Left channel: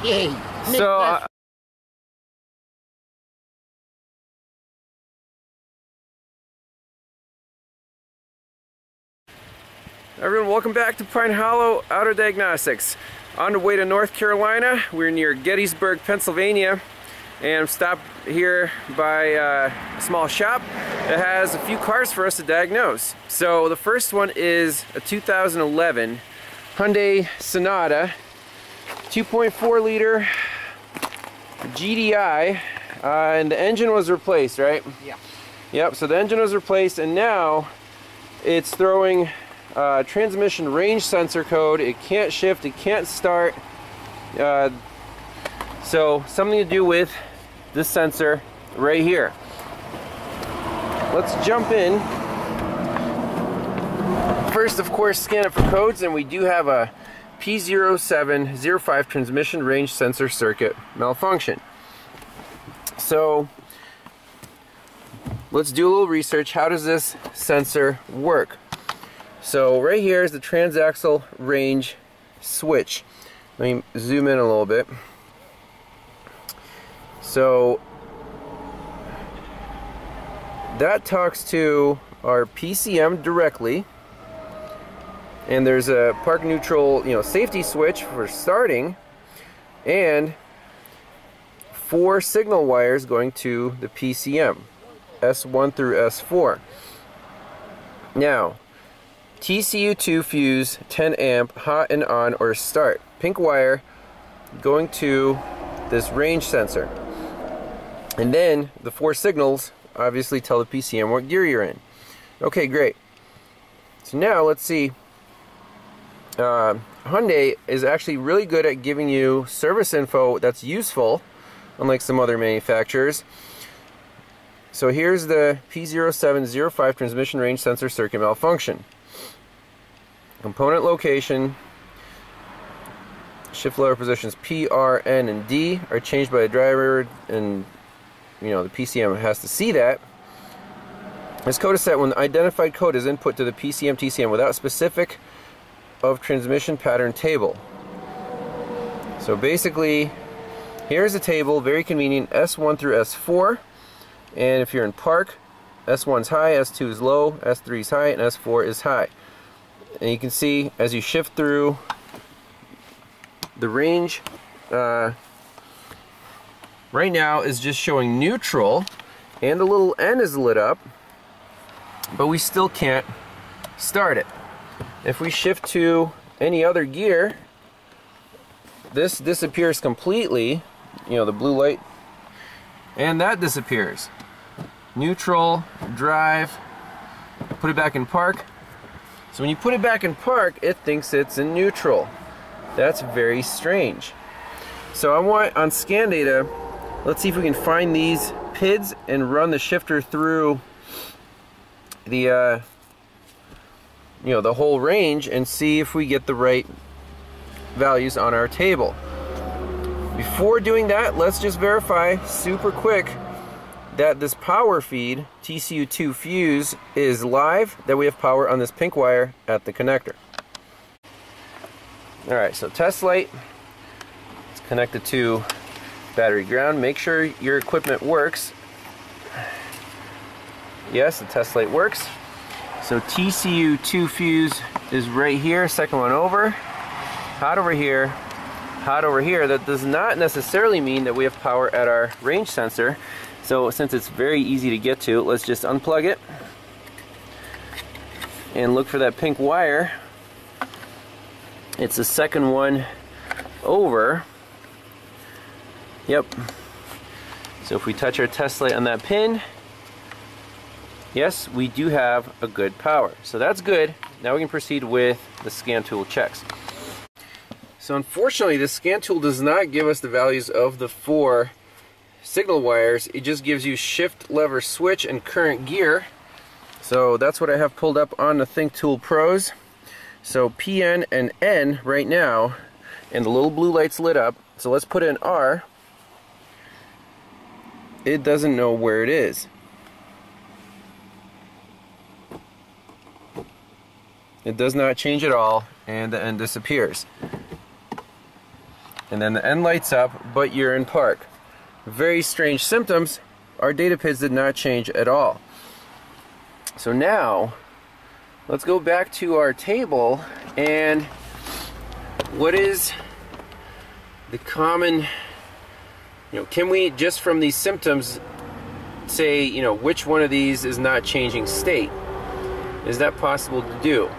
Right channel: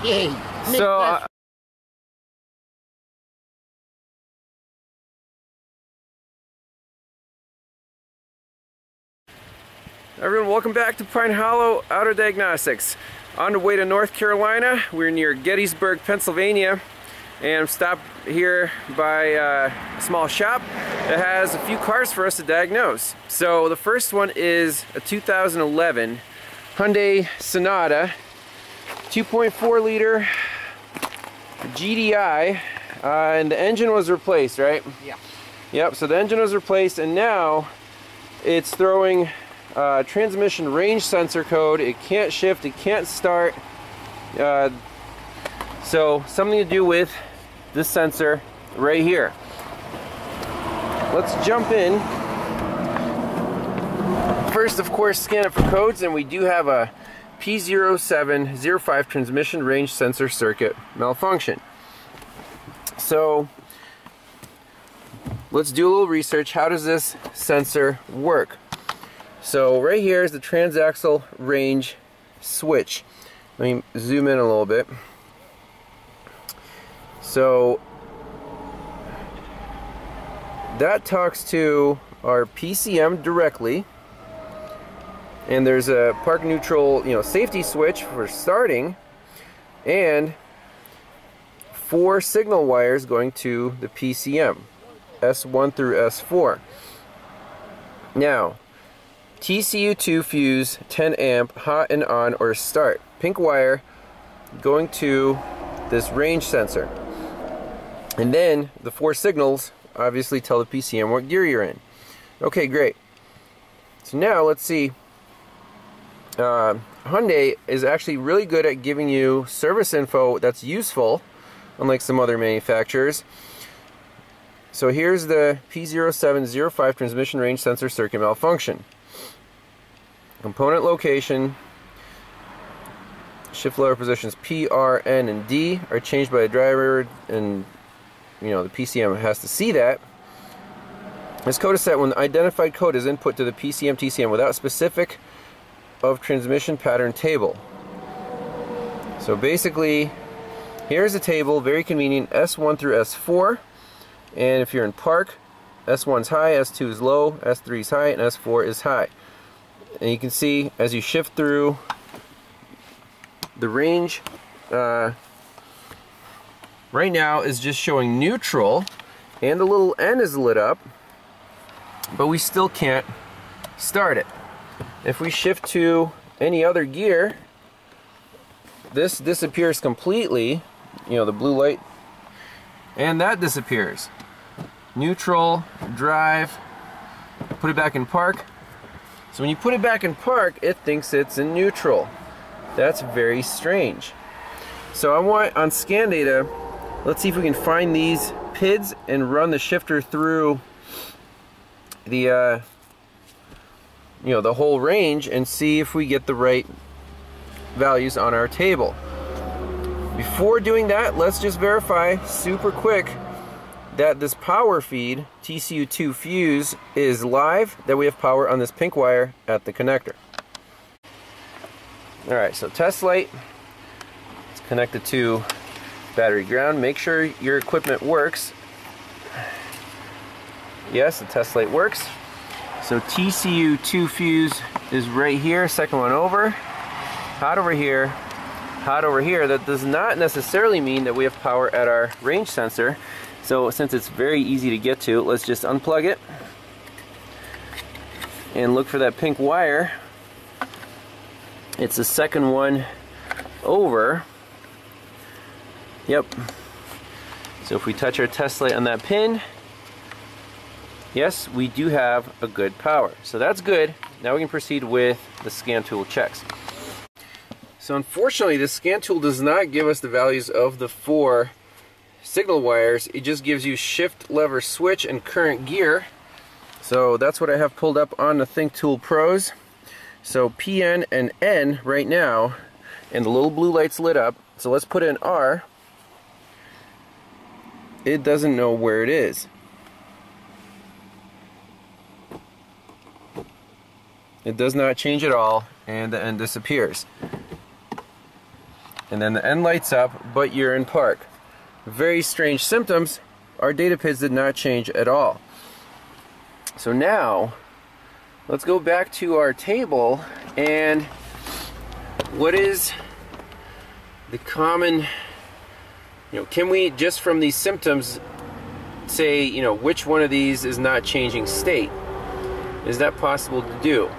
Okay. So everyone, welcome back to Pine Hollow Auto Diagnostics. On the way to North Carolina, we're near Gettysburg, Pennsylvania, and I'm stopped here by a small shop that has a few cars for us to diagnose. So the first one is a 2011 Hyundai Sonata, 2.4 liter GDI, and the engine was replaced, right? Yeah. Yep, so the engine was replaced, and now it's throwing transmission range sensor code. It can't shift, it can't start. So something to do with this sensor right here. Let's jump in. First, of course, scan it for codes, and we do have a P0705 transmission range sensor circuit malfunction. So let's do a little research. How does this sensor work? So right here is the transaxle range switch. Let me zoom in a little bit. So that talks to our PCM directly, and there's a park neutral, safety switch for starting, and 4 signal wires going to the PCM, S1 through S4. Now, TCU2 fuse 10 amp hot and on or start. Pink wire going to this range sensor. And then the 4 signals obviously tell the PCM what gear you're in. Okay, great. So now let's see. Hyundai is actually really good at giving you service info that's useful, unlike some other manufacturers. So here's the P0705 transmission range sensor circuit malfunction. Component location, shift lever positions P, R, N, and D are changed by the driver, and the PCM has to see that. This code is set when the identified code is input to the PCM TCM without specific of transmission pattern table. So basically, here's a table, very convenient, S1 through S4, and if you're in park, S1's high, S2 is low, S3 is high, and S4 is high. And you can see as you shift through the range, right now is just showing neutral, and the little N is lit up, but we still can't start it. If we shift to any other gear, this disappears completely, the blue light, and that disappears. Neutral, drive, put it back in park. So when you put it back in park, it thinks it's in neutral. That's very strange. So I want, on scan data, let's see if we can find these PIDs and run the shifter through the the whole range and see if we get the right values on our table. Before doing that, let's just verify super quick that this power feed TCU2 fuse is live, that we have power on this pink wire at the connector. Alright, so test light, it's connected to battery ground. Make sure your equipment works. Yes, the test light works. So TCU2 fuse is right here, second one over. Hot over here, hot over here. That does not necessarily mean that we have power at our range sensor. So since it's very easy to get to, let's just unplug it and look for that pink wire. It's the second one over. Yep. So if we touch our test light on that pin, yes, we do have a good power. So that's good. Now we can proceed with the scan tool checks. So unfortunately, the scan tool does not give us the values of the 4 signal wires. It just gives you shift, lever, switch, and current gear. So that's what I have pulled up on the THINKTOOL Pros. So PN and N right now, and the little blue light's lit up. So let's put in R. It doesn't know where it is. It does not change at all, and the N disappears. and then the end lights up, but you're in park. Very strange symptoms. Our data PIDs did not change at all. So now, let's go back to our table, and what is the common, can we just from these symptoms say, which one of these is not changing state? Is that possible to do?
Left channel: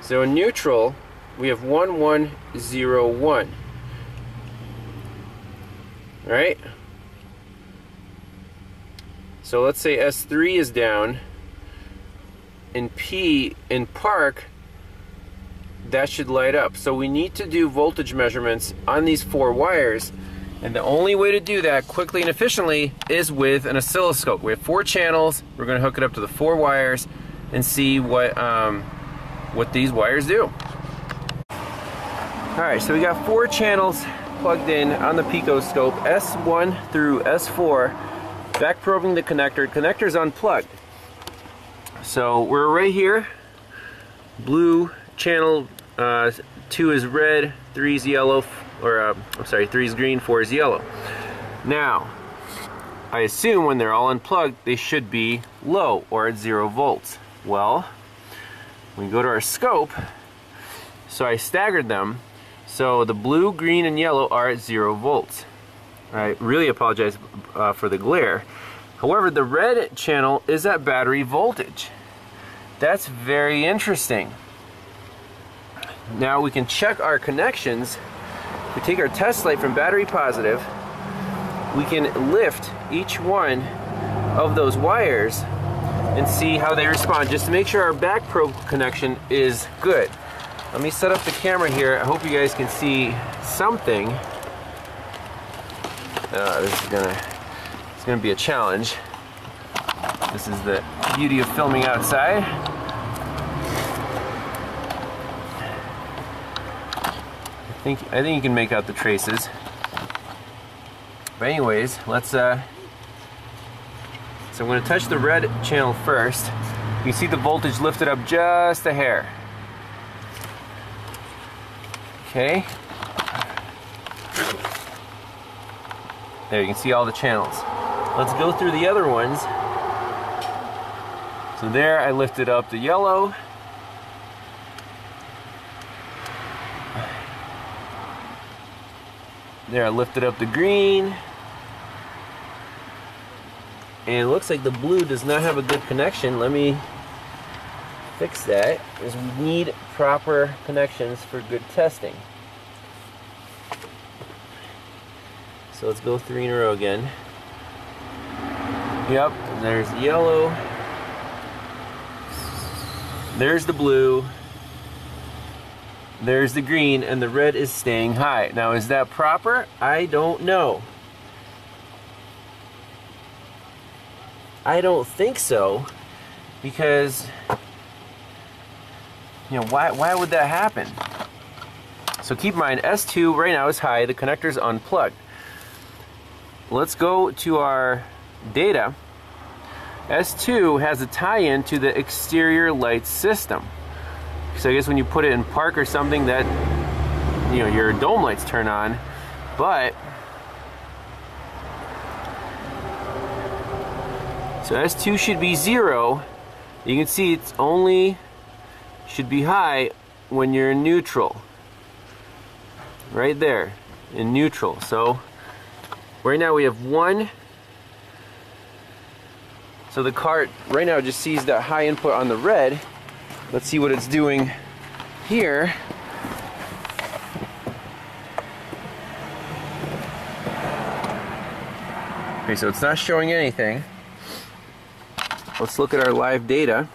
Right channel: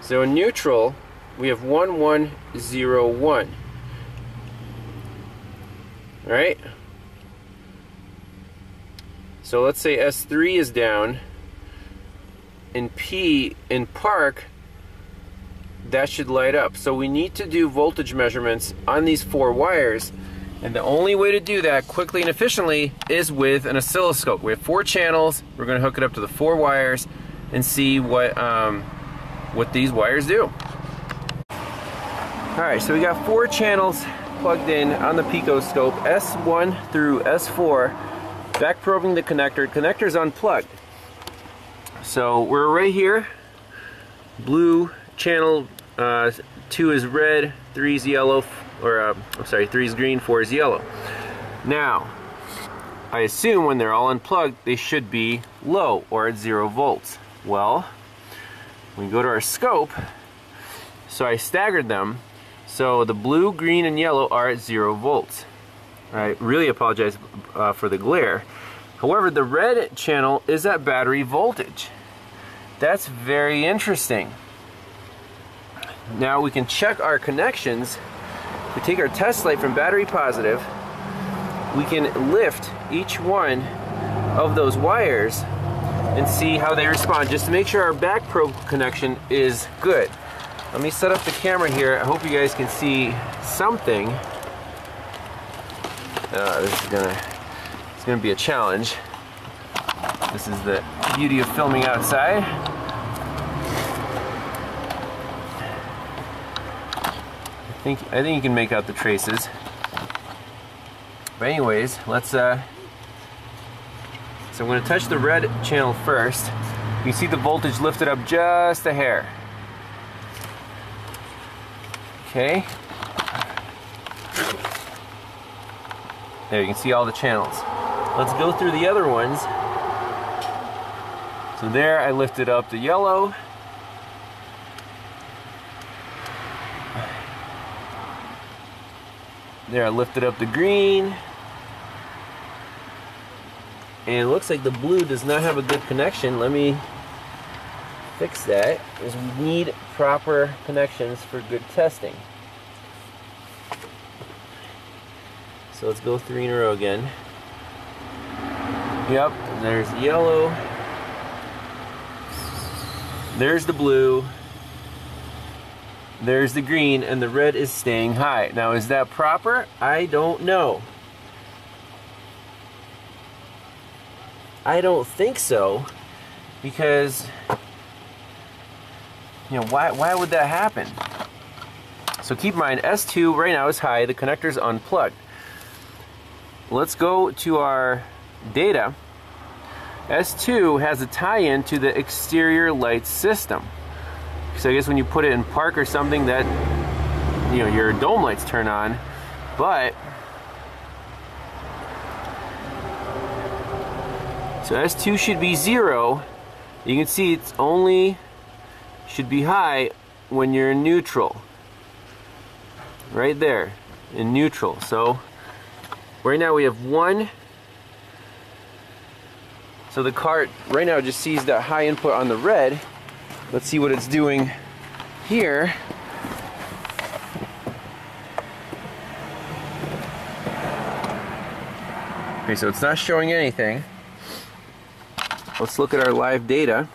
So in neutral, we have 1101. All right? So let's say S3 is down. In P, in park, that should light up. So we need to do voltage measurements on these 4 wires. And the only way to do that quickly and efficiently is with an oscilloscope. We have 4 channels. We're going to hook it up to the 4 wires and see what these wires do. Alright, so we got 4 channels plugged in on the picoscope, S1 through S4. Back probing the connector. Connector's unplugged. So we're right here. Blue channel 2 is red, 3 is yellow, or 3 is green, 4 is yellow. Now, I assume when they're all unplugged, they should be low or at 0 volts. Well, we go to our scope, so I staggered them, so the blue, green, and yellow are at 0 volts. I really apologize for the glare. However, the red channel is at battery voltage. That's very interesting. Now we can check our connections. We take our test light from battery positive. We can lift each one of those wires and see how they respond, just to make sure our back probe connection is good. Let me set up the camera here. I hope you guys can see something. This is gonna be a challenge. This is the beauty of filming outside. I think you can make out the traces. But anyways, let's so I'm going to touch the red channel first. You see the voltage lifted up just a hair. Okay. There, you can see all the channels. Let's go through the other ones. So there, I lifted up the yellow. There, I lifted up the green. And it looks like the blue does not have a good connection. Let me fix that, because we need proper connections for good testing. So let's go 3 in a row again. Yep, there's the yellow. There's the blue. There's the green, and the red is staying high. Now, is that proper? I don't know. I don't think so, because, why would that happen? So keep in mind, S2 right now is high, the connector's unplugged. Let's go to our data. S2 has a tie-in to the exterior light system. So I guess when you put it in park or something, that, your dome lights turn on, but so S2 should be 0. You can see it's only should be high when you're in neutral. Right there, in neutral. So right now we have 1. So the cart right now just sees that high input on the red. Let's see what it's doing here. Okay, so it's not showing anything. Let's look at our live data.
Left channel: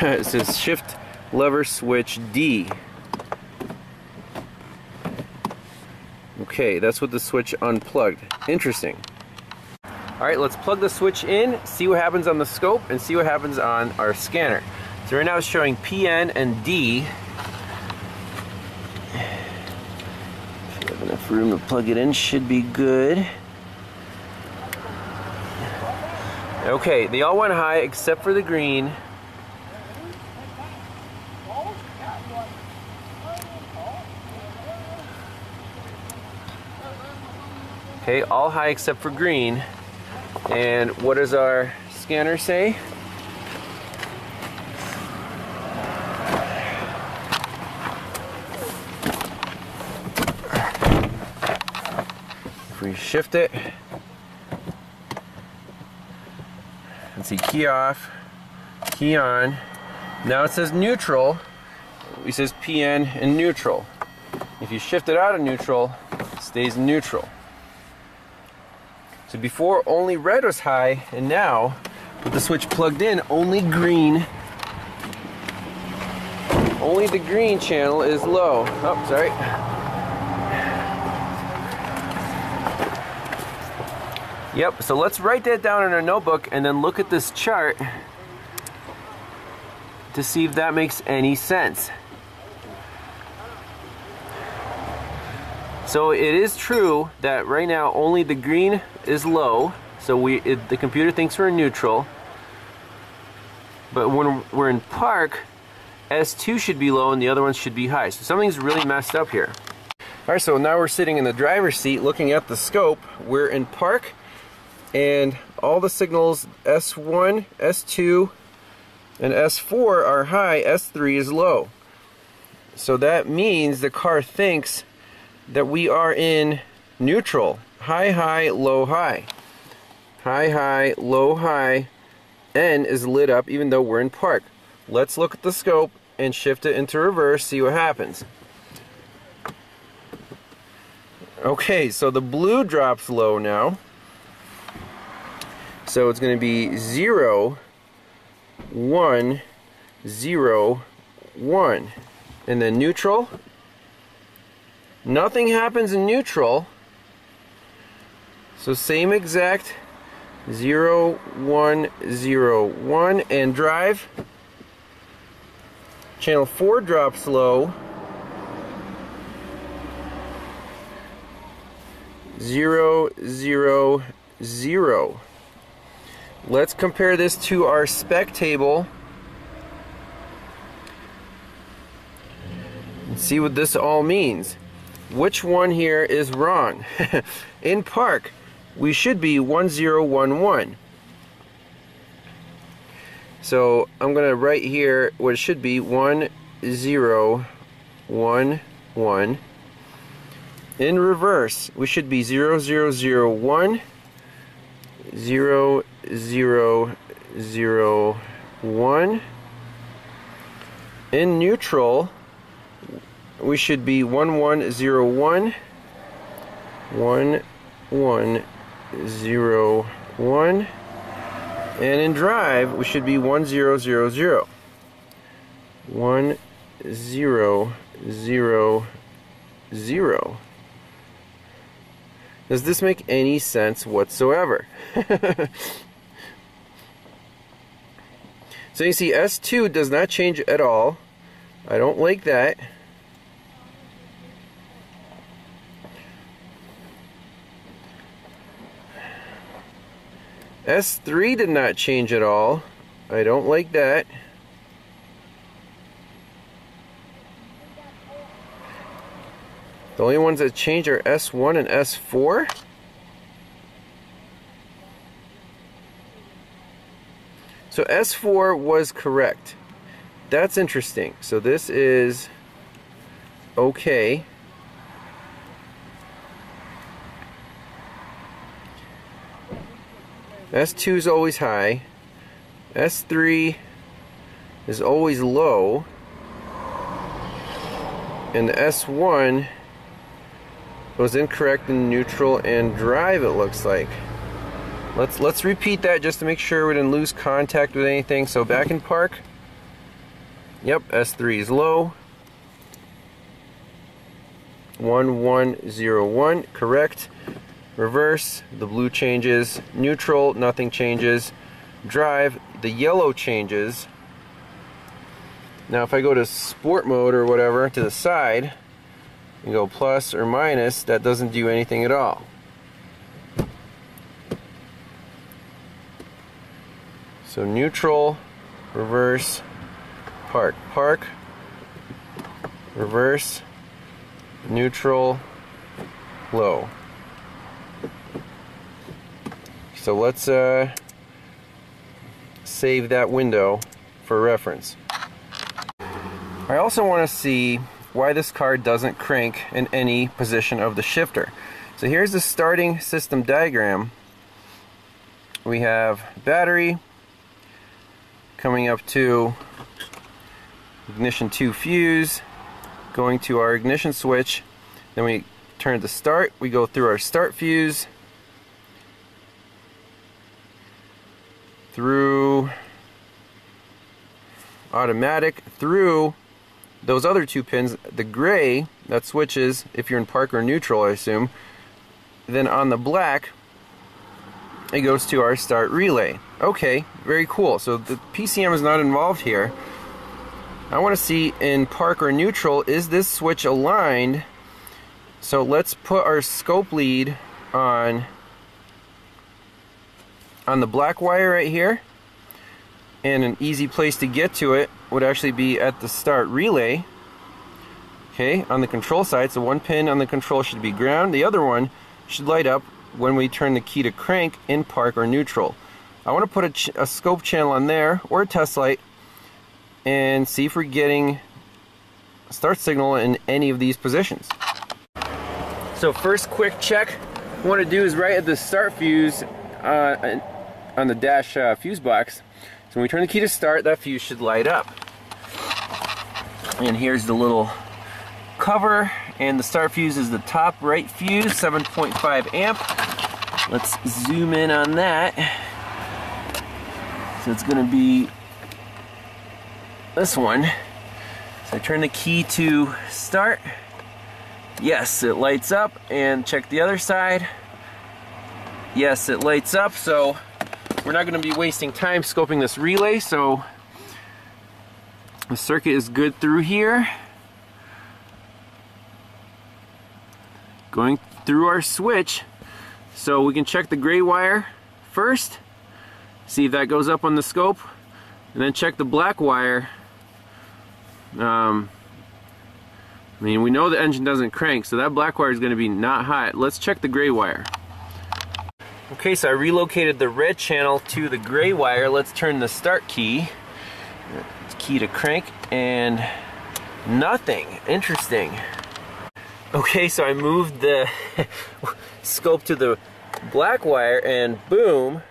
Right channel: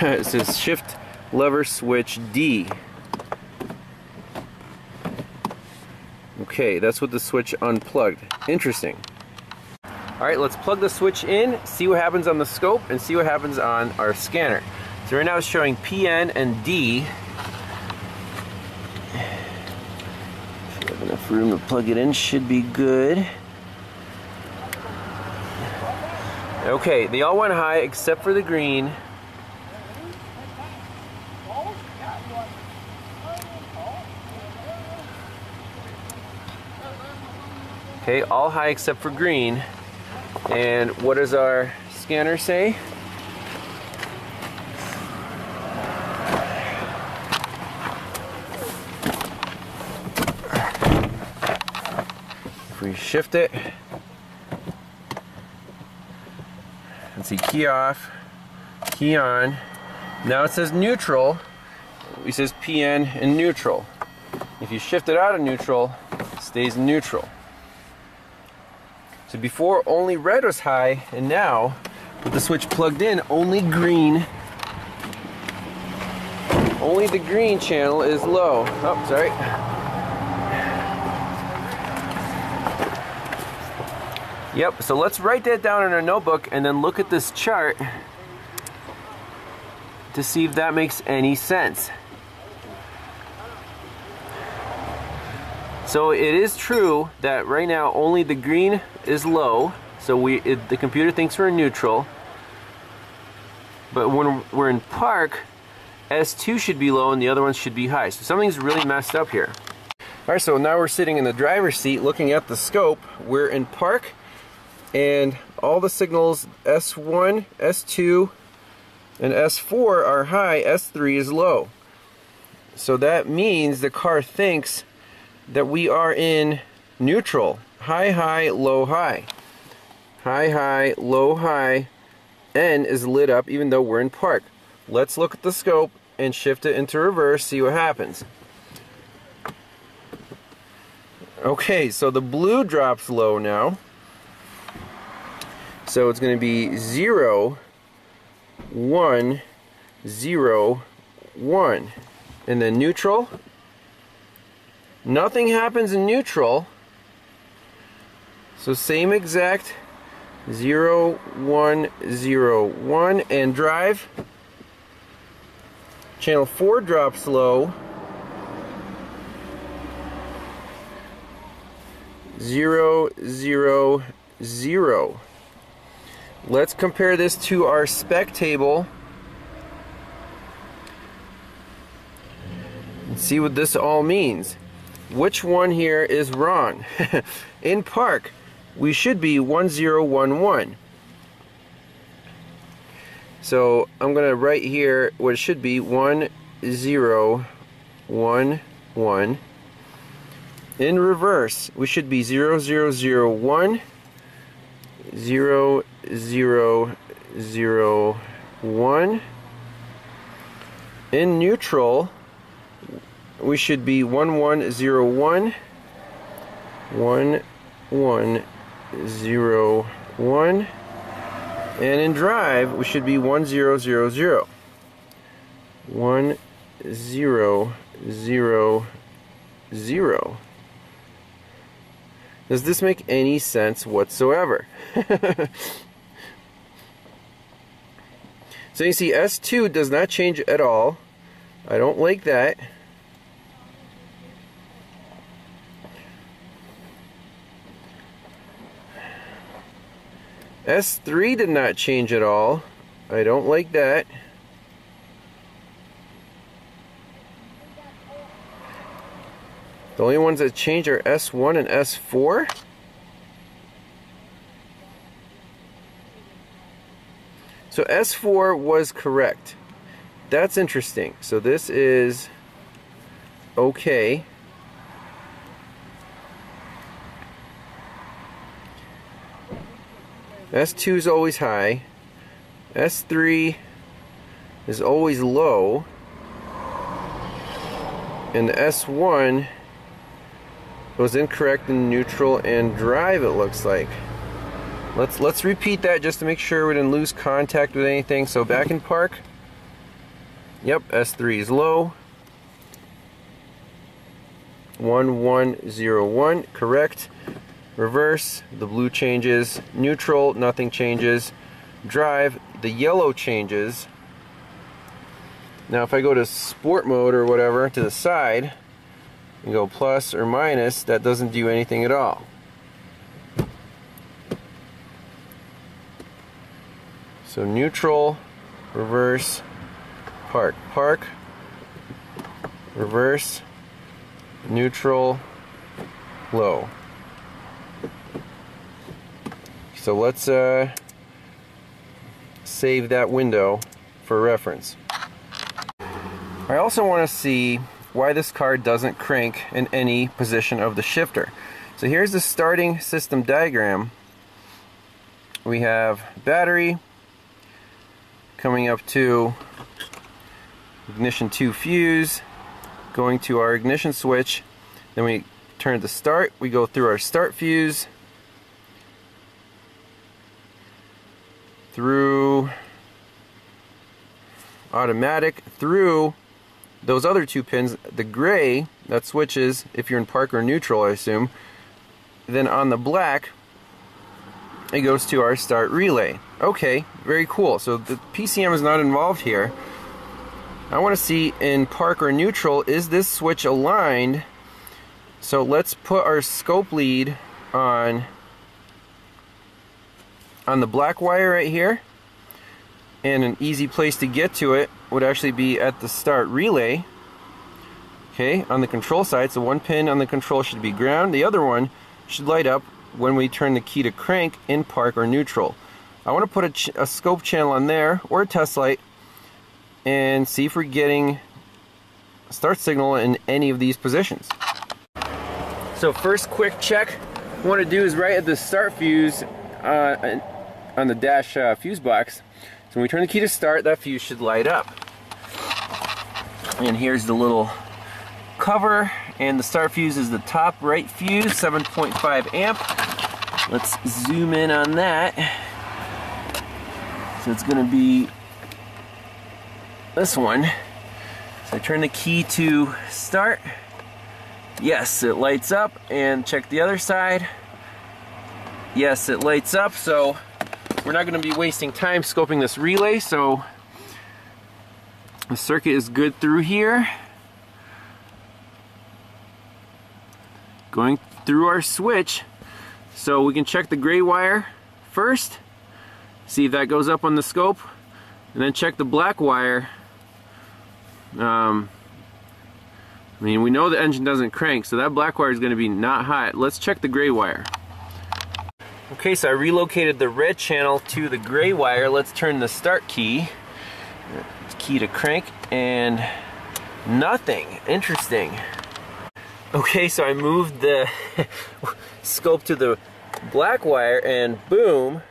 It says shift lever switch D. Okay, that's what the switch unplugged. Interesting. Alright, let's plug the switch in, see what happens on the scope, and see what happens on our scanner. So right now it's showing PN and D. If you have enough room to plug it in, should be good. Okay, they all went high except for the green. Okay, all high except for green. And what does our scanner say? If we shift it, let's see, key off, key on. Now it says neutral. It says PN in neutral. If you shift it out of neutral, it stays in neutral. So before only red was high, and now with the switch plugged in, only green. Only the green channel is low. Oh, sorry. Yep, so let's write that down in our notebook and then look at this chart to see if that makes any sense. So it is true that right now only the green is low, so the computer thinks we're in neutral. But when we're in park, S2 should be low and the other ones should be high. So something's really messed up here. Alright, so now we're sitting in the driver's seat looking at the scope. We're in park and all the signals S1, S2, and S4 are high, S3 is low. So that means the car thinks that we are in neutral. High, high, low, high. High, high, low, high. N is lit up even though we're in park. Let's look at the scope and shift it into reverse, see what happens. Okay, so the blue drops low now. So it's going to be 0, 1, 0, 1. And then neutral. Nothing happens in neutral. So same exact 0, 1, 0, 1. And drive. Channel 4 drops low. 0, 0, 0. Let's compare this to our spec table and see what this all means. Which one here is wrong? In park, we should be 1011. So I'm going to write here what it should be 1011. In reverse, we should be 0001, 0001. In neutral, we should be 1101, 1101. And in drive, we should be 1000, 1000. Does this make any sense whatsoever? So you see S2 does not change at all. I don't like that. S3 did not change at all. I don't like that. The only ones that change are S1 and S4. So S4 was correct. That's interesting. So this is okay. S2 is always high. S3 is always low. And the S1 was incorrect in neutral and drive, it looks like. Let's repeat that just to make sure we didn't lose contact with anything. So back in park. Yep, S3 is low. 1101, correct. Reverse, the blue changes. Neutral, nothing changes. Drive, the yellow changes. Now if I go to sport mode or whatever to the side and go plus or minus, that doesn't do anything at all. So neutral, reverse, park, park, reverse, neutral, low. So let's save that window for reference. I also want to see why this car doesn't crank in any position of the shifter. So here's the starting system diagram. We have battery coming up to ignition 2 fuse, going to our ignition switch, then we turn to start, we go through our start fuse, through automatic, through those other 2 pins, the gray that switches if you're in park or neutral, I assume. Then on the black it goes to our start relay. Okay, very cool. So the PCM is not involved here. I want to see in park or neutral, is this switch aligned? So let's put our scope lead on the black wire right here, and an easy place to get to it would actually be at the start relay. Okay, on the control side, so one pin on the control should be ground, the other one should light up when we turn the key to crank in park or neutral. I want to put a scope channel on there, or a test light, and see if we're getting a start signal in any of these positions. So first quick check I want to do is right at the start fuse on the dash fuse box. So when we turn the key to start, that fuse should light up. And here's the little cover, and the start fuse is the top right fuse, 7.5 amp. Let's zoom in on that. So it's going to be this one. So I turn the key to start. Yes, it lights up, and check the other side. Yes, it lights up. So we're not going to be wasting time scoping this relay, so the circuit is good through here. Going through our switch, so we can check the gray wire first, see if that goes up on the scope, and then check the black wire. I mean, we know the engine doesn't crank, so that black wire is going to be not hot. Let's check the gray wire. Okay, so I relocated the red channel to the gray wire. Let's turn the start key to crank, and nothing. Interesting. Okay, so I moved the scope to the black wire, and boom.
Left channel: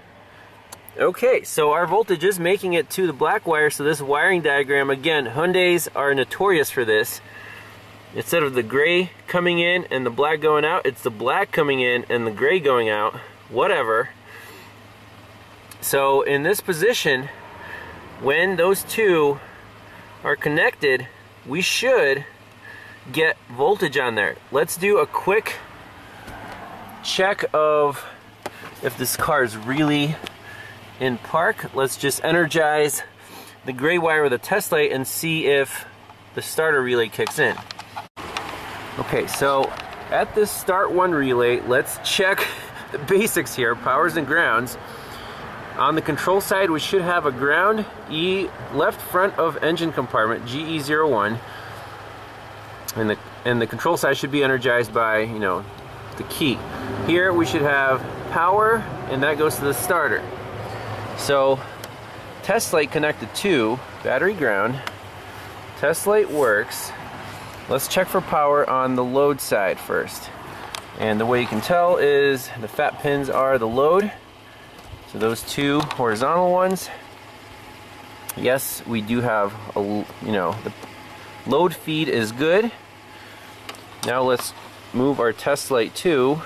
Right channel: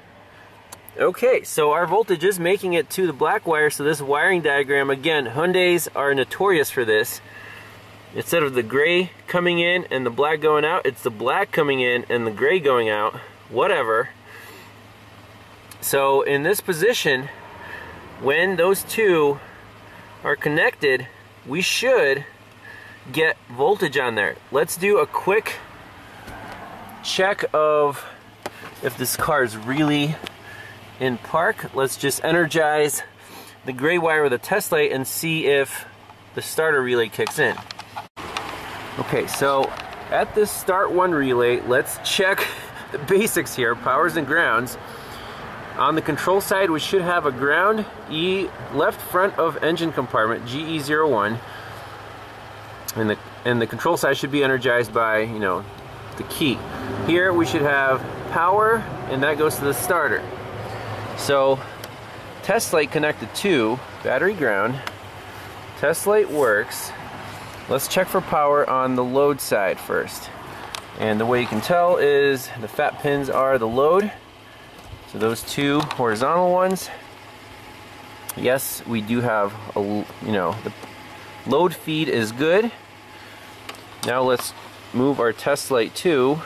Okay, so our voltage is making it to the black wire, so this wiring diagram, again, Hyundais are notorious for this. Instead of the gray coming in and the black going out, it's the black coming in and the gray going out, whatever. So in this position, when those two are connected, we should get voltage on there. Let's do a quick check of if this car is really in park. Let's just energize the gray wire with a test light and see if the starter relay kicks in. Okay, so at this start one relay, let's check the basics here, powers and grounds. On the control side, we should have a ground, left front of engine compartment, GE01, and the control side should be energized by, you know, the key. Here we should have power, and that goes to the starter. So test light connected to battery ground, test light works. Let's check for power on the load side first. And the way you can tell is the fat pins are the load. So those two horizontal ones. Yes, we do have the load feed is good. Now let's move our test light to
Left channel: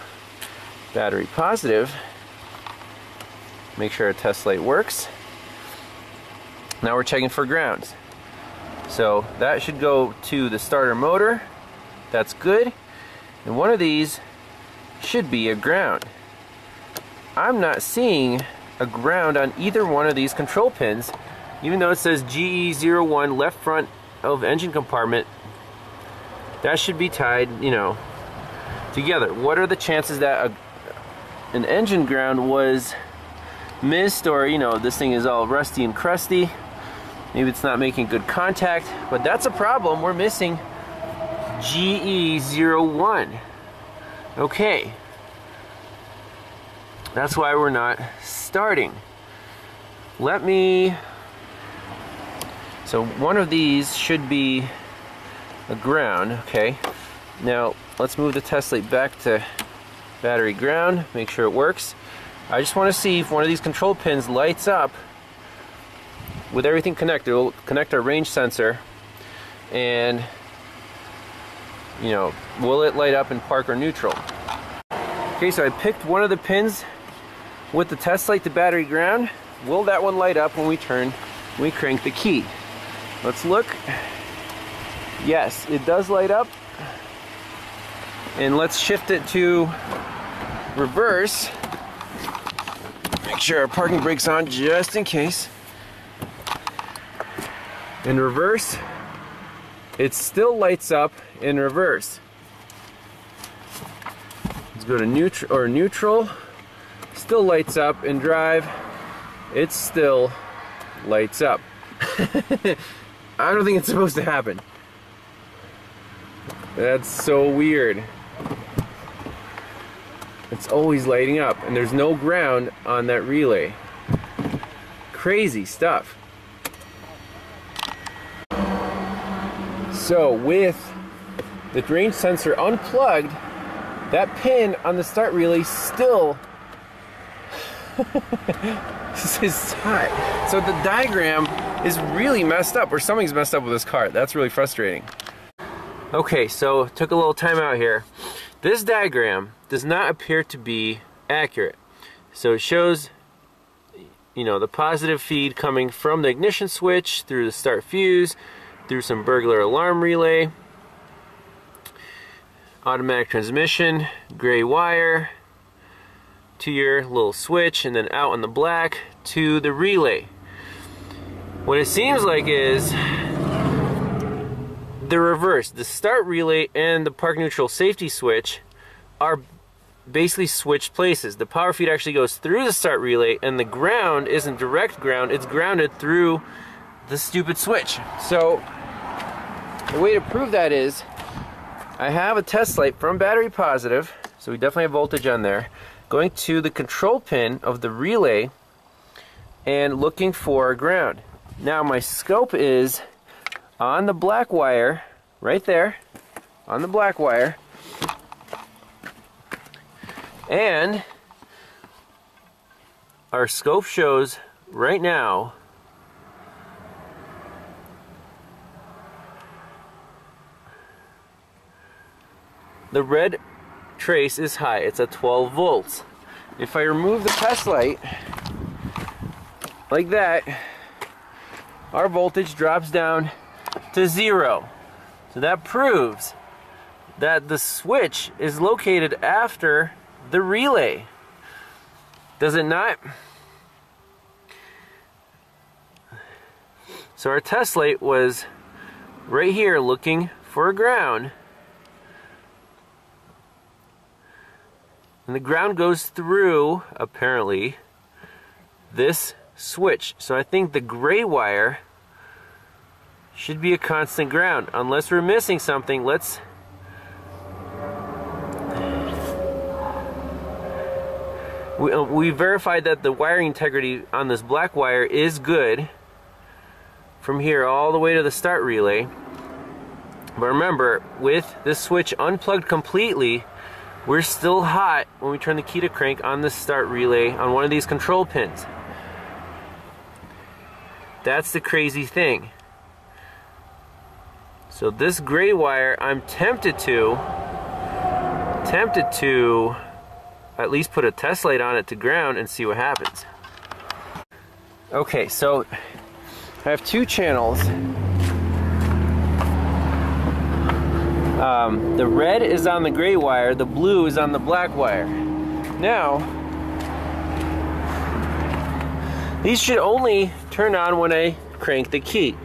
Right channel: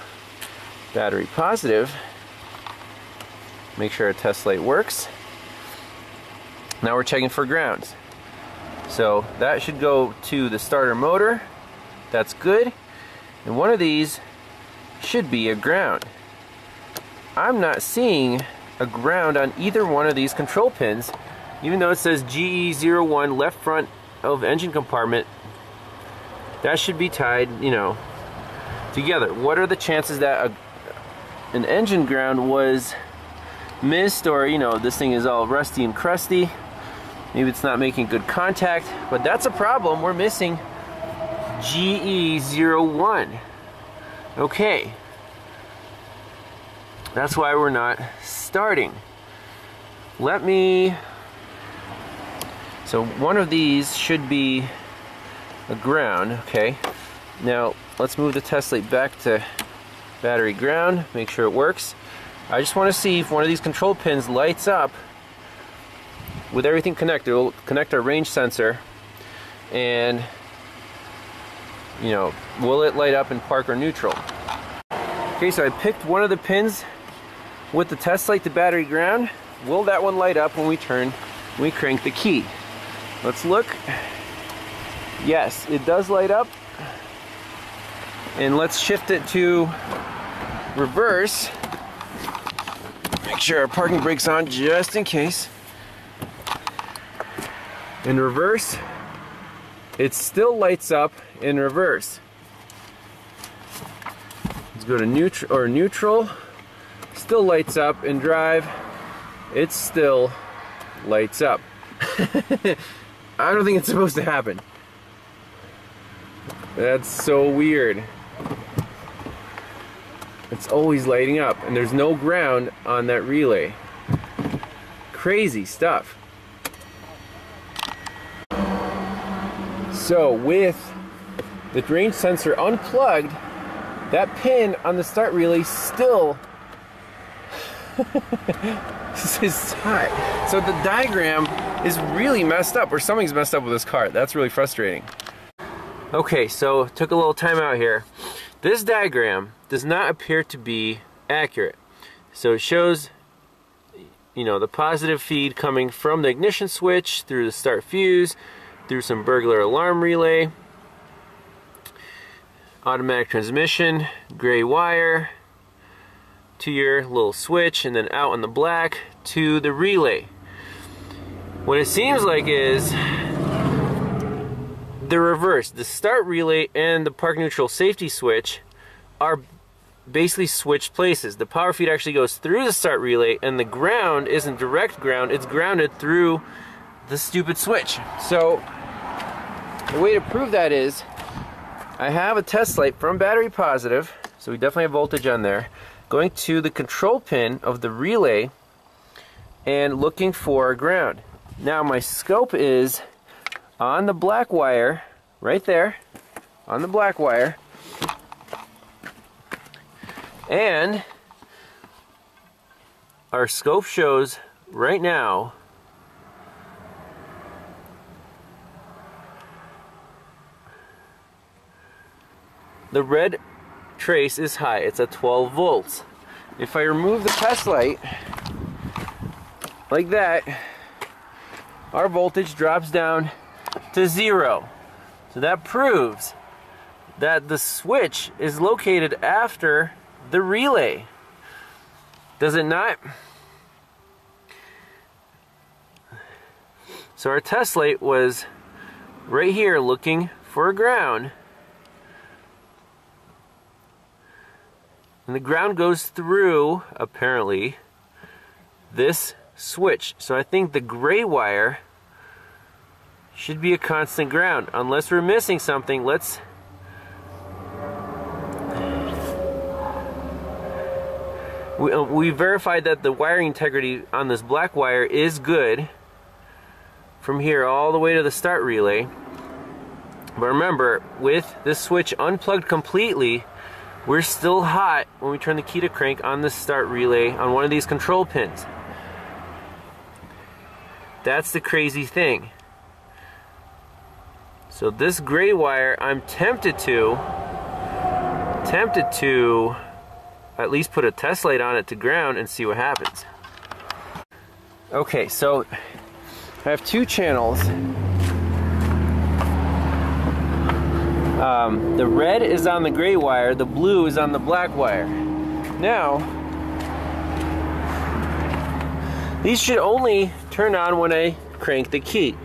battery positive. Make sure our test light works. Now we're checking for grounds. So that should go to the starter motor. That's good. And one of these should be a ground. I'm not seeing a ground on either one of these control pins, even though it says GE01 left front of engine compartment. That should be tied, you know, together. What are the chances that an engine ground was missed, or you know, this thing is all rusty and crusty. Maybe it's not making good contact, but that's a problem. We're missing GE01. Okay. That's why we're not starting. So one of these should be a ground, okay. Now let's move the test light back to battery ground, make sure it works. I just want to see if one of these control pins lights up with everything connected. We'll connect our range sensor, and you know, will it light up in park or neutral? Okay, so I picked one of the pins with the test light to battery ground. Will that one light up when we crank the key? Let's look. Yes, it does light up. And let's shift it to reverse. Make sure our parking brake's on just in case. In reverse, it still lights up in reverse. Let's go to neutral. Still lights up. In drive, it still lights up. I don't think it's supposed to happen. That's so weird. It's always lighting up, and there's no ground on that relay. Crazy stuff. So with the range sensor unplugged, that pin on the start relay still is hot. So the diagram is really messed up, or something's messed up with this car. That's really frustrating. Okay, so took a little time out here. This diagram does not appear to be accurate. So it shows, you know, the positive feed coming from the ignition switch through the start fuse, through some burglar alarm relay, automatic transmission, gray wire, to your little switch, and then out on the black to the relay. What it seems like is the reverse. The start relay and the park neutral safety switch are basically switched places. The power feed actually goes through the start relay, and the ground isn't direct ground, it's grounded through the stupid switch. So the way to prove that is, I have a test light from battery positive, so we definitely have voltage on there, going to the control pin of the relay and looking for ground. Now my scope is on the black wire, right there, on the black wire, and our scope shows right now the red trace is high. It's at 12 volts. If I remove the test light like that, our voltage drops down to 0. So that proves that the switch is located after the relay. Does it not? So our test light was right here looking for a ground. And the ground goes through, apparently, this switch. So I think the gray wire should be a constant ground. Unless we're missing something, let's... We verified that the wiring integrity on this black wire is good from here all the way to the start relay. But remember, with this switch unplugged completely, we're still hot when we turn the key to crank on the start relay on one of these control pins. That's the crazy thing. So this gray wire, I'm tempted to at least put a test light on it to ground and see what happens. Okay, so I have two channels. The red is on the gray wire, the blue is on the black wire. Now, these should only turn on when I crank the key.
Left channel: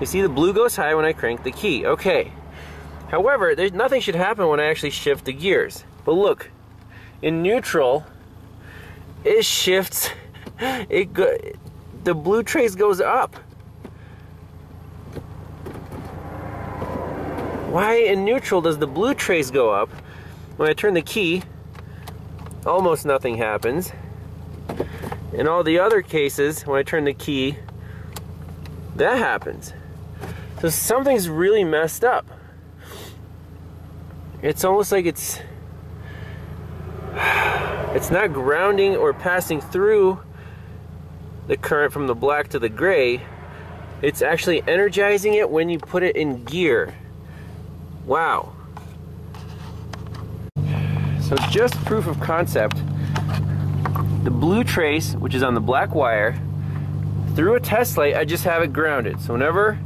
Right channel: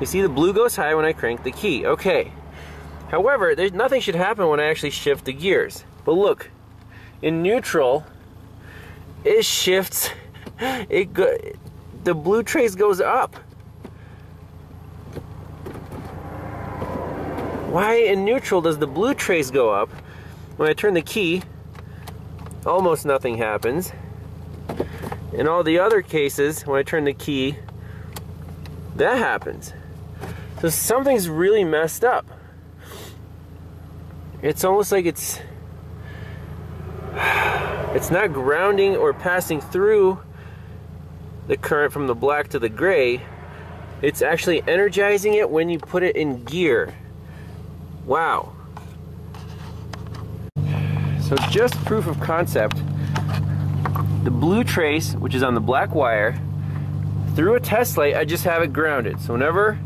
You see the blue goes high when I crank the key. Okay. However, nothing should happen when I actually shift the gears. But look, in neutral, it shifts the blue trace goes up. Why in neutral does the blue trace go up? When I turn the key, almost nothing happens. In all the other cases, when I turn the key, that happens. So something's really messed up. It's almost like it's not grounding or passing through the current from the black to the gray. It's actually energizing it when you put it in gear. Wow. So just proof of concept, the blue trace, which is on the black wire, through a test light, I just have it grounded. So whenever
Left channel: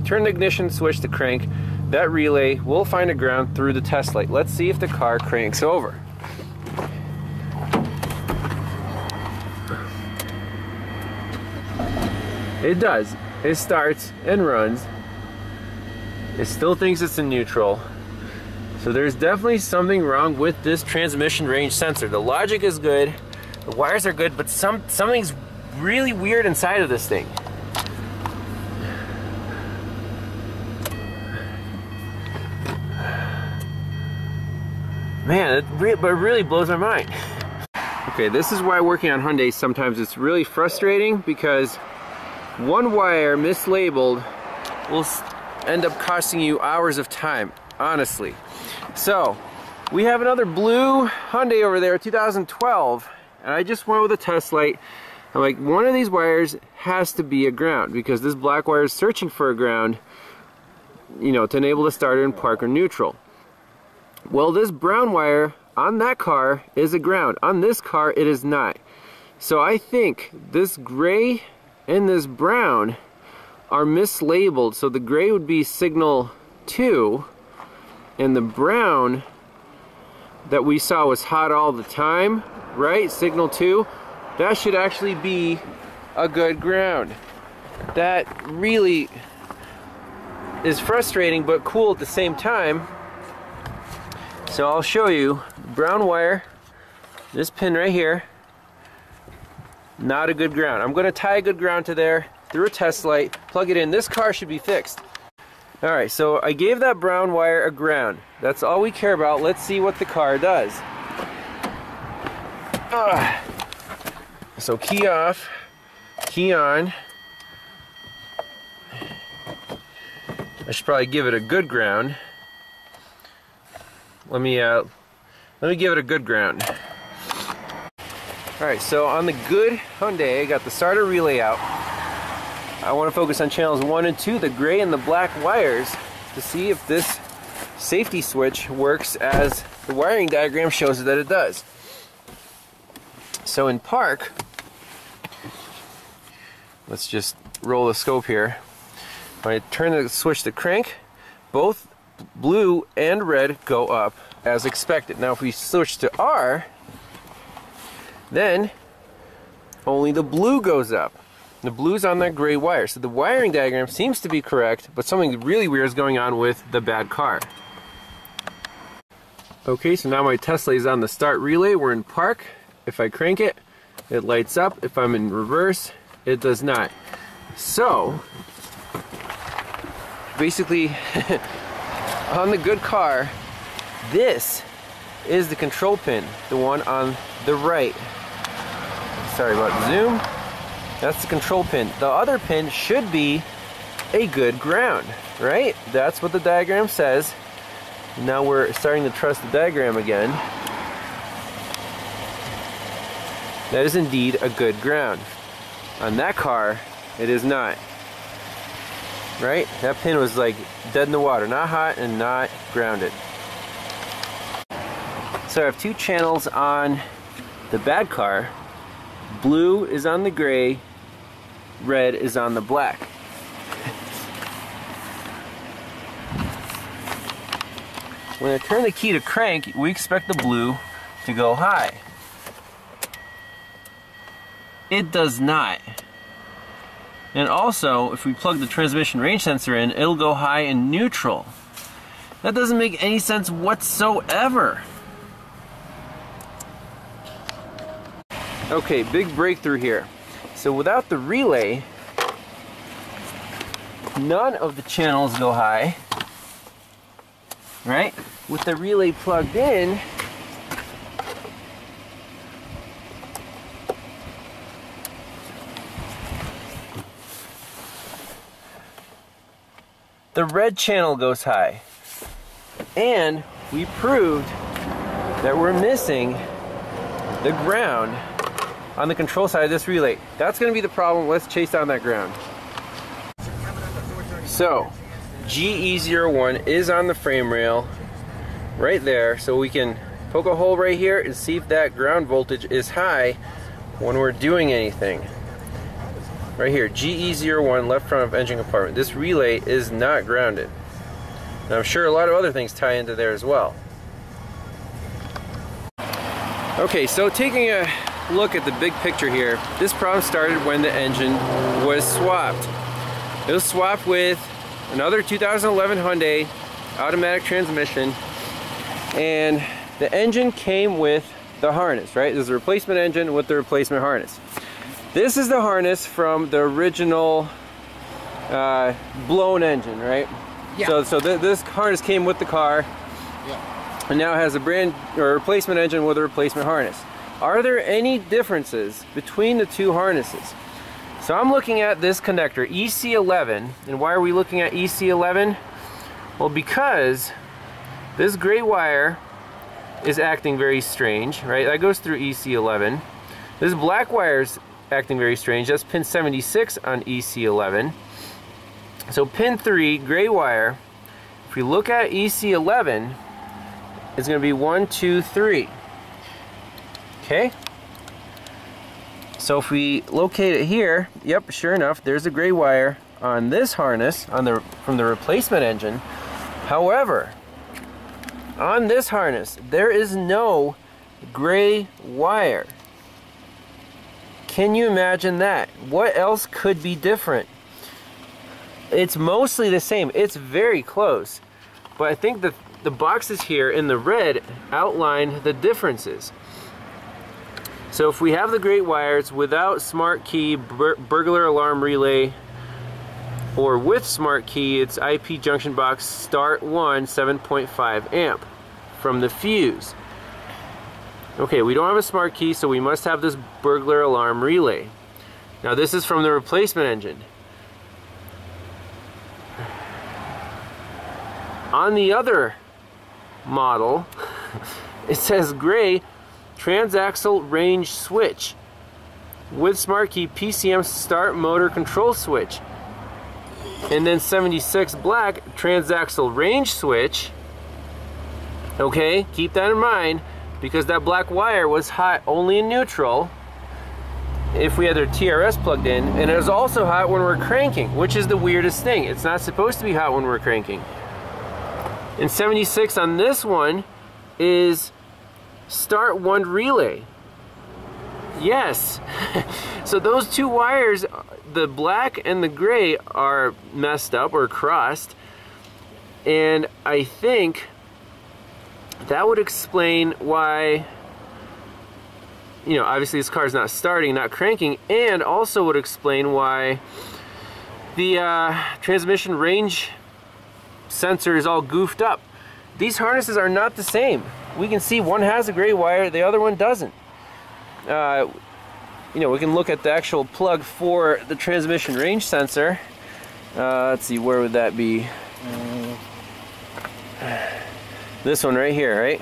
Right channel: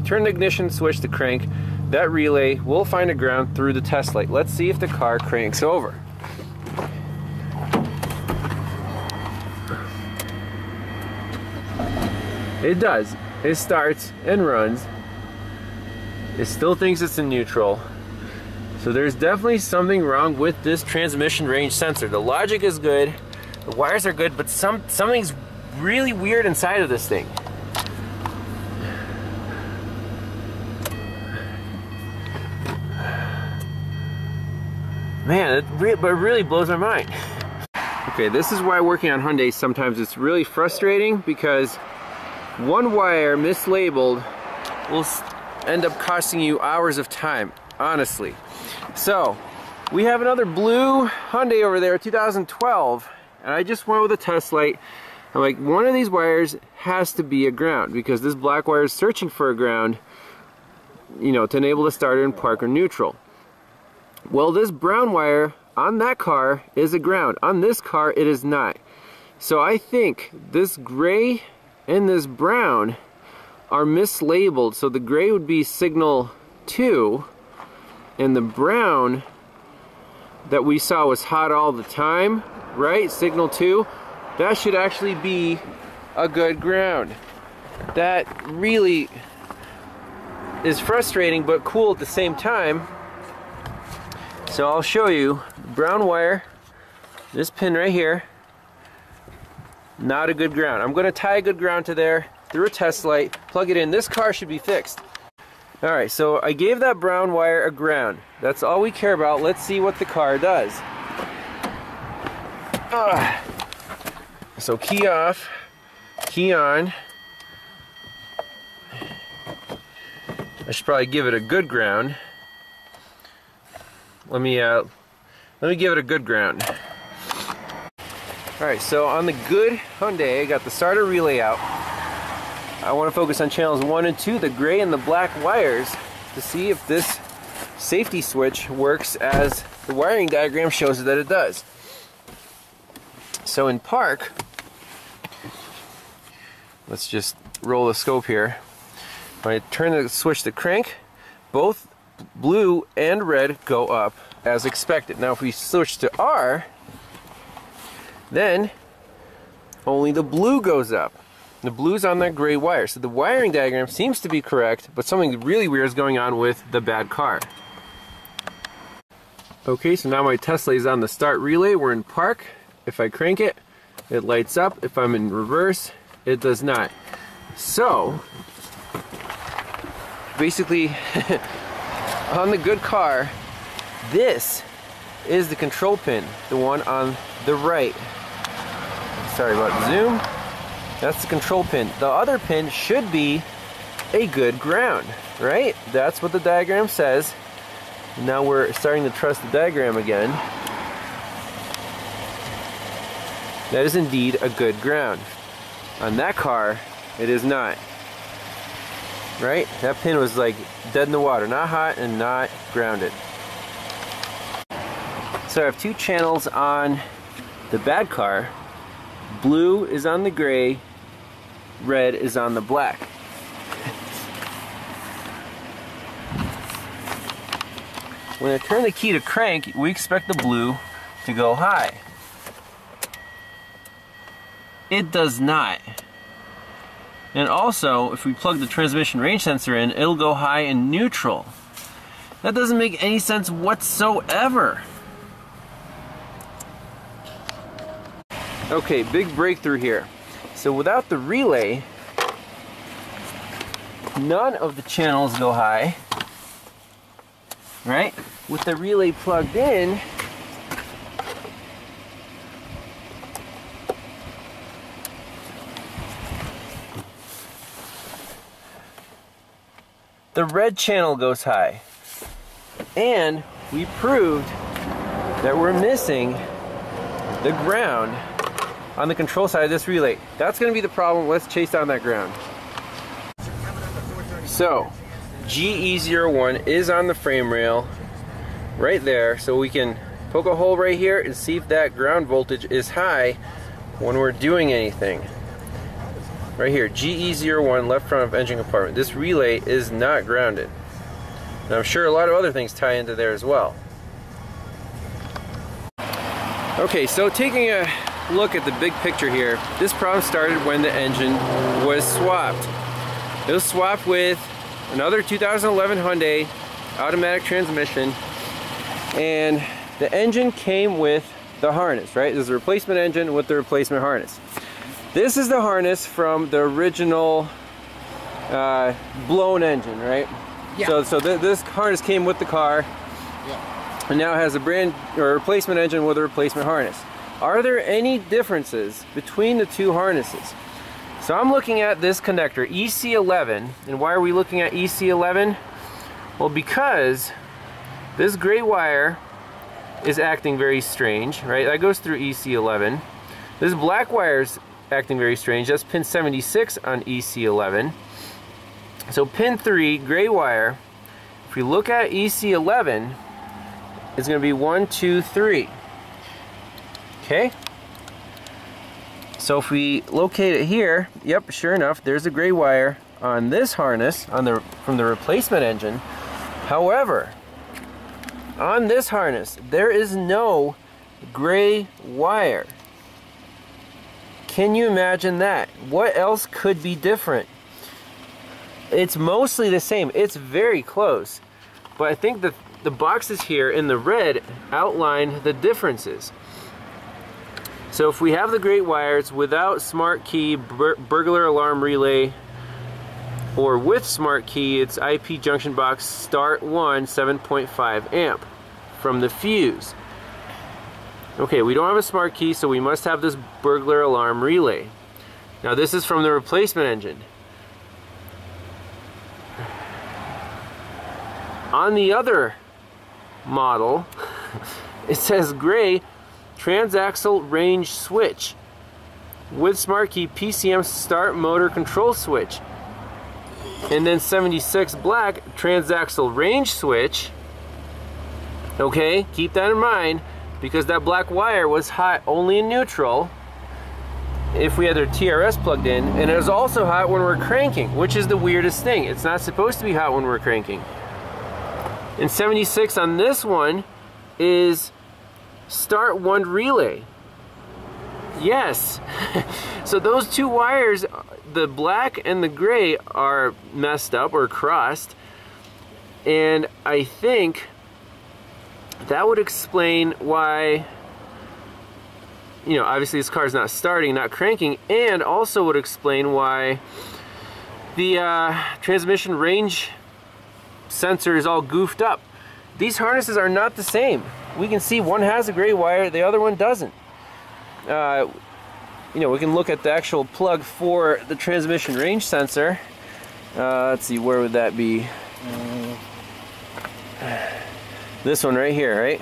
I turn the ignition switch to crank, that relay will find a ground through the test light. Let's see if the car cranks over. It does. It starts and runs. It still thinks it's in neutral. So there's definitely something wrong with this transmission range sensor. The logic is good, the wires are good, but something's really weird inside of this thing. Man, it really blows my mind. Okay, this is why working on Hyundai sometimes it's really frustrating, because one wire mislabeled will end up costing you hours of time, honestly. So, we have another blue Hyundai over there, 2012, and I just went with a test light. I'm like, one of these wires has to be a ground, because this black wire is searching for a ground, you know, to enable the starter in park or neutral. Well, this brown wire on that car is a ground. On this car, it is not. So I think this gray and this brown are mislabeled. So the gray would be signal 2, and the brown that we saw was hot all the time, right? Signal 2, that should actually be a good ground. That really is frustrating but cool at the same time. So I'll show you, brown wire, this pin right here, not a good ground. I'm going to tie a good ground to there through a test light, plug it in. This car should be fixed. Alright, so I gave that brown wire a ground. That's all we care about. Let's see what the car does. So key off, key on. I should probably give it a good ground. Let me give it a good ground. Alright, so on the good Hyundai, I got the starter relay out. I want to focus on channels 1 and 2, the gray and the black wires, to see if this safety switch works as the wiring diagram shows that it does. So in park, let's just roll the scope here. When I turn the switch to crank, both blue and red go up as expected. Now if we switch to R, then only the blue goes up. The blue's on that gray wire. So the wiring diagram seems to be correct, but something really weird is going on with the bad car. Okay, so now my Tesla is on the start relay. We're in park. If I crank it, it lights up. If I'm in reverse, it does not. So, basically, on the good car, this is the control pin, the one on the right. Sorry about the zoom. That's the control pin. The other pin should be a good ground, right? That's what the diagram says. Now we're starting to trust the diagram again. That is indeed a good ground. On that car, it is not. Right? That pin was like dead in the water, not hot and not grounded. So I have two channels on the bad car. Blue is on the gray, red is on the black. When I turn the key to crank, we expect the blue to go high. It does not. And also, if we plug the transmission range sensor in, it'll go high in neutral. That doesn't make any sense whatsoever. Okay, big breakthrough here. So without the relay, none of the channels go high, right? With the relay plugged in, the red channel goes high. And we proved that we're missing the ground on the control side of this relay. That's going to be the problem. Let's chase down that ground. So, GE01 is on the frame rail right there, so we can poke a hole right here and see if that ground voltage is high when we're doing anything. Right here, GE01, left front of engine compartment. This relay is not grounded. And I'm sure a lot of other things tie into there as well. Okay, so taking a look at the big picture here, this problem started when the engine was swapped. It was swapped with another 2011 Hyundai automatic transmission, and the engine came with the harness, right? This is a replacement engine with the replacement harness. This is the harness from the original blown engine, right? Yeah. So this harness came with the car, yeah, and now has a replacement engine with a replacement harness. Are there any differences between the two harnesses? So I'm looking at this connector, EC11, and why are we looking at EC11? Well, because this gray wire is acting very strange, right? That goes through EC11. This black wire is acting very strange. That's pin 76 on EC11. So pin 3, gray wire, if we look at EC11, it's going to be 1, 2, 3. Okay? So if we locate it here, yep, sure enough, there's a gray wire on this harness from the replacement engine. However, on this harness, there is no gray wire. Can you imagine that? What else could be different? It's mostly the same. It's very close. But I think the boxes here in the red outline the differences. So if we have the gray wires without smart key, burglar alarm relay, or with smart key, it's IP junction box start 1, 7.5 amp from the fuse. Okay, we don't have a smart key, so we must have this burglar alarm relay. Now this is from the replacement engine. On the other model, it says gray transaxle range switch with smart key PCM start motor control switch. And then 76 black transaxle range switch. Okay, keep that in mind, because that black wire was hot only in neutral if we had their TRS plugged in, and it was also hot when we're cranking, which is the weirdest thing. It's not supposed to be hot when we're cranking. And 76 on this one is start 1 relay. Yes. So those two wires, the black and the gray, are messed up or crossed, and I think that would explain why, you know, obviously this car's not starting, not cranking, and also would explain why the transmission range sensor is all goofed up. These harnesses are not the same. We can see one has a gray wire, the other one doesn't. You know, we can look at the actual plug for the transmission range sensor. Let's see, where would that be? This one right here, right?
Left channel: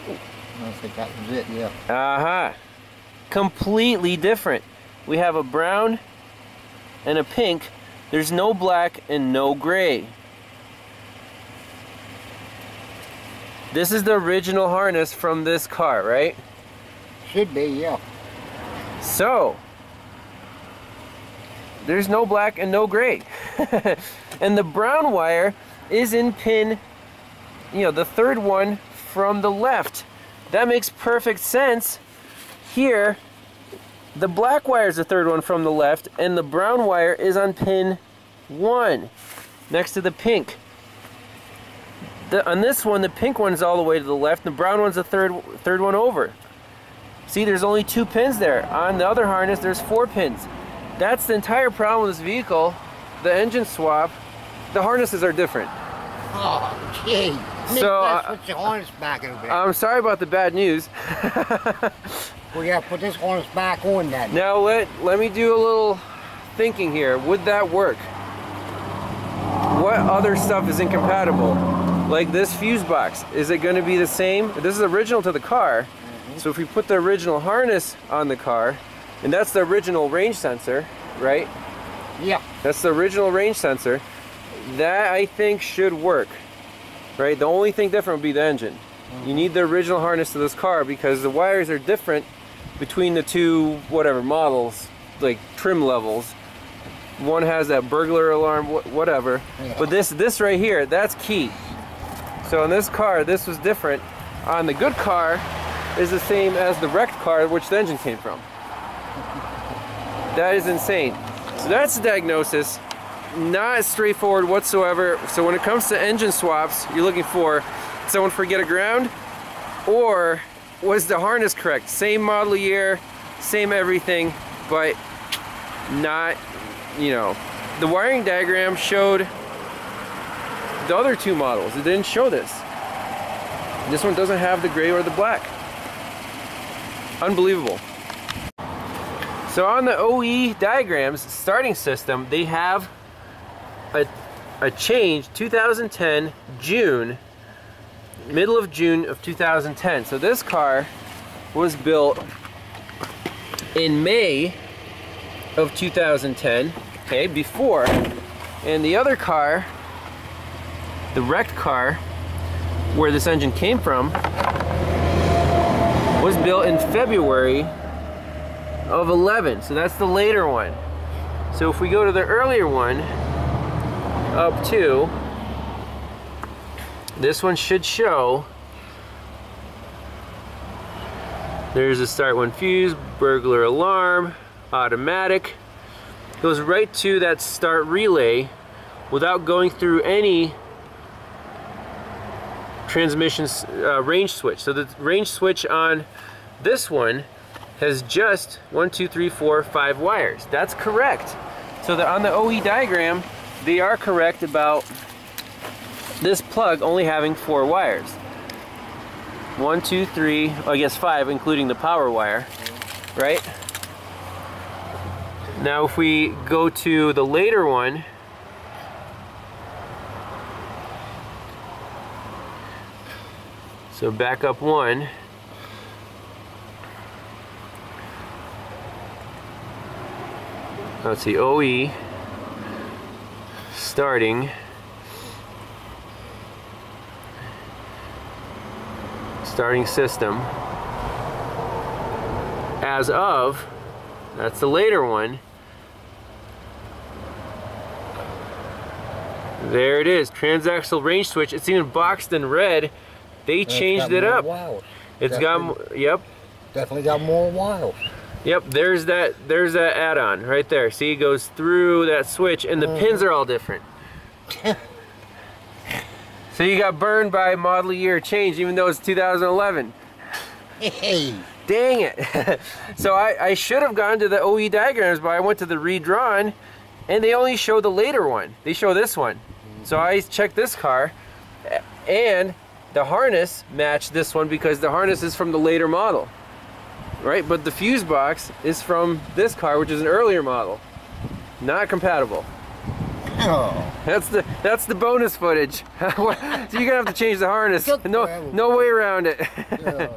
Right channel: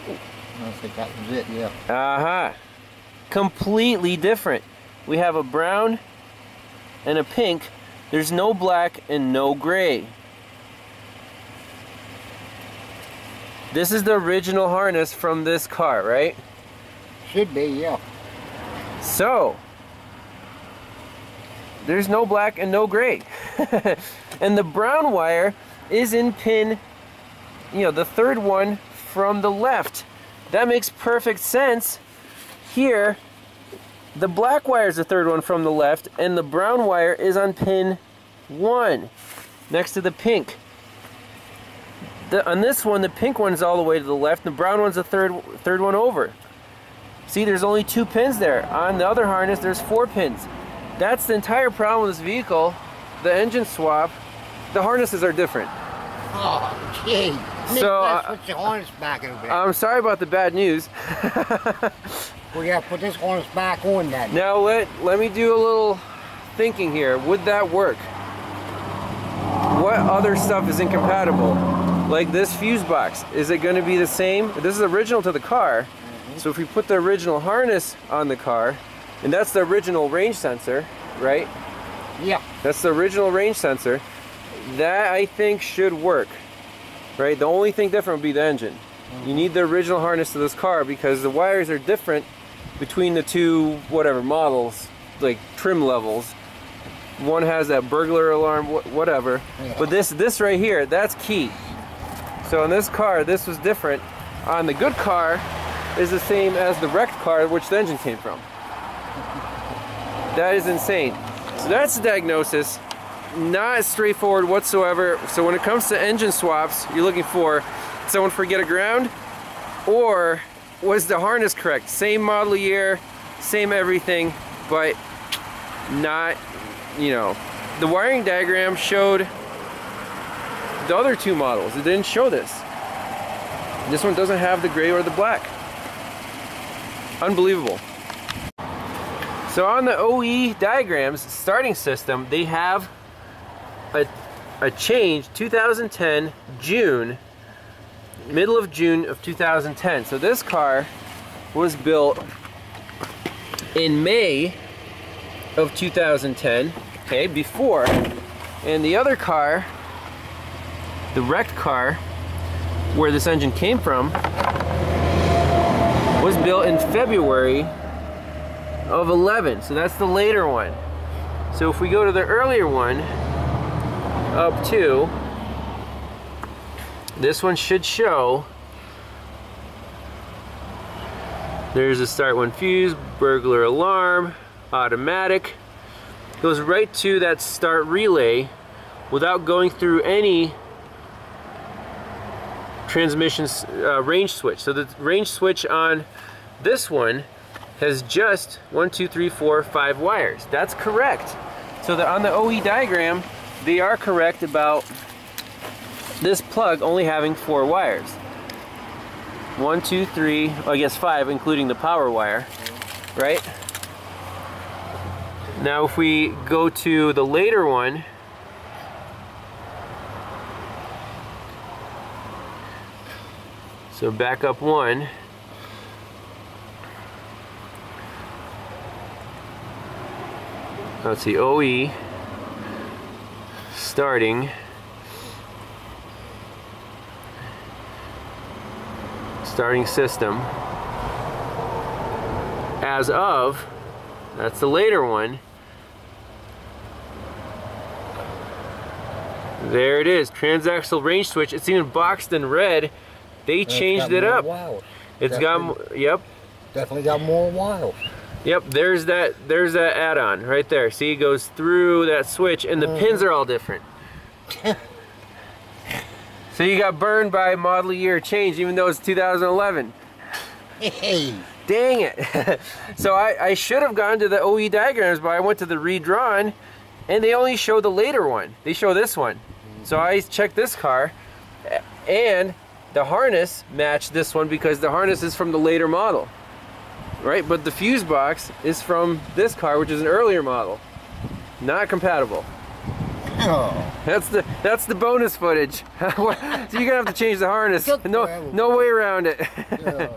I think that was it, yeah. Uh-huh. Completely different. We have a brown and a pink. There's no black and no gray. This is the original harness from this car, right? Should be, yeah. So, there's no black and no gray. And the brown wire is in pin, you know, the third one from the left. That makes perfect sense. Here, the black wire is the third one from the left, and the brown wire is on pin 1, next to the pink. On this one, the pink one is all the way to the left, and the brown one's the third one over. See, there's only 2 pins there. On the other harness, there's 4 pins. That's the entire problem with this vehicle. The engine swap, the harnesses are different. Oh, gee. So, Put the harness back in a bit. I'm sorry about the bad news. We gotta put this harness back on then. Now let me do a little thinking here. Would that work? What other stuff is incompatible? Like this fuse box, is it going to be the same? This is original to the car. So if we put the original harness on the car, and that's the original range sensor, right? Yeah. That's the original range sensor. That I think should work, right? The only thing different would be the engine. You need the original harness to this car because the wires are different between the 2 whatever models, like trim levels. One has that burglar alarm, whatever. Yeah. But this right here, that's key. So in this car, this was different. On the good car, is the same as the wrecked car, which the engine came from. That is insane. So that's the diagnosis. Not straightforward whatsoever. So when it comes to engine swaps, you're looking for someone forget a ground, or was the harness correct? Same model year, same everything, but not, you know, the wiring diagram showed the other 2 models. It didn't show this. This one doesn't have the gray or the black. Unbelievable. So on the OE diagrams starting system, they have a change 2010 June, middle of June of 2010. So this car was built in May of 2010, okay, before. And the other car, the wrecked car, where this engine came from, was built in February of 11. So that's the later one. So if we go to the earlier one, up to, this one should show, there's a start one fuse, burglar alarm, automatic. Goes right to that start relay without going through any transmission range switch. So the range switch on this one has just 1, 2, 3, 4, 5 wires. That's correct. So on the OE diagram, they are correct about this plug only having 4 wires. 1, 2, 3, I guess 5, including the power wire, right? Now if we go to the later one, so back up 1, let's see, OE, starting system, as of, that's the later one, there it is, transaxle range switch. It's even boxed in red. They changed it up. It's got, yep, definitely got more wires. Yep, there's that add-on right there. See, it goes through that switch, and the pins are all different. So you got burned by model year change, even though it's 2011. Hey. Dang it. So I should have gone to the OE diagrams, but I went to the redrawn, and they only show the later one. They show this one. So I checked this car, and the harness matched this one because the harness is from the later model. Right, but the fuse box is from this car, which is an earlier model. Not compatible. Oh. That's the bonus footage. So you're gonna have to change the harness. No way around it. Yeah.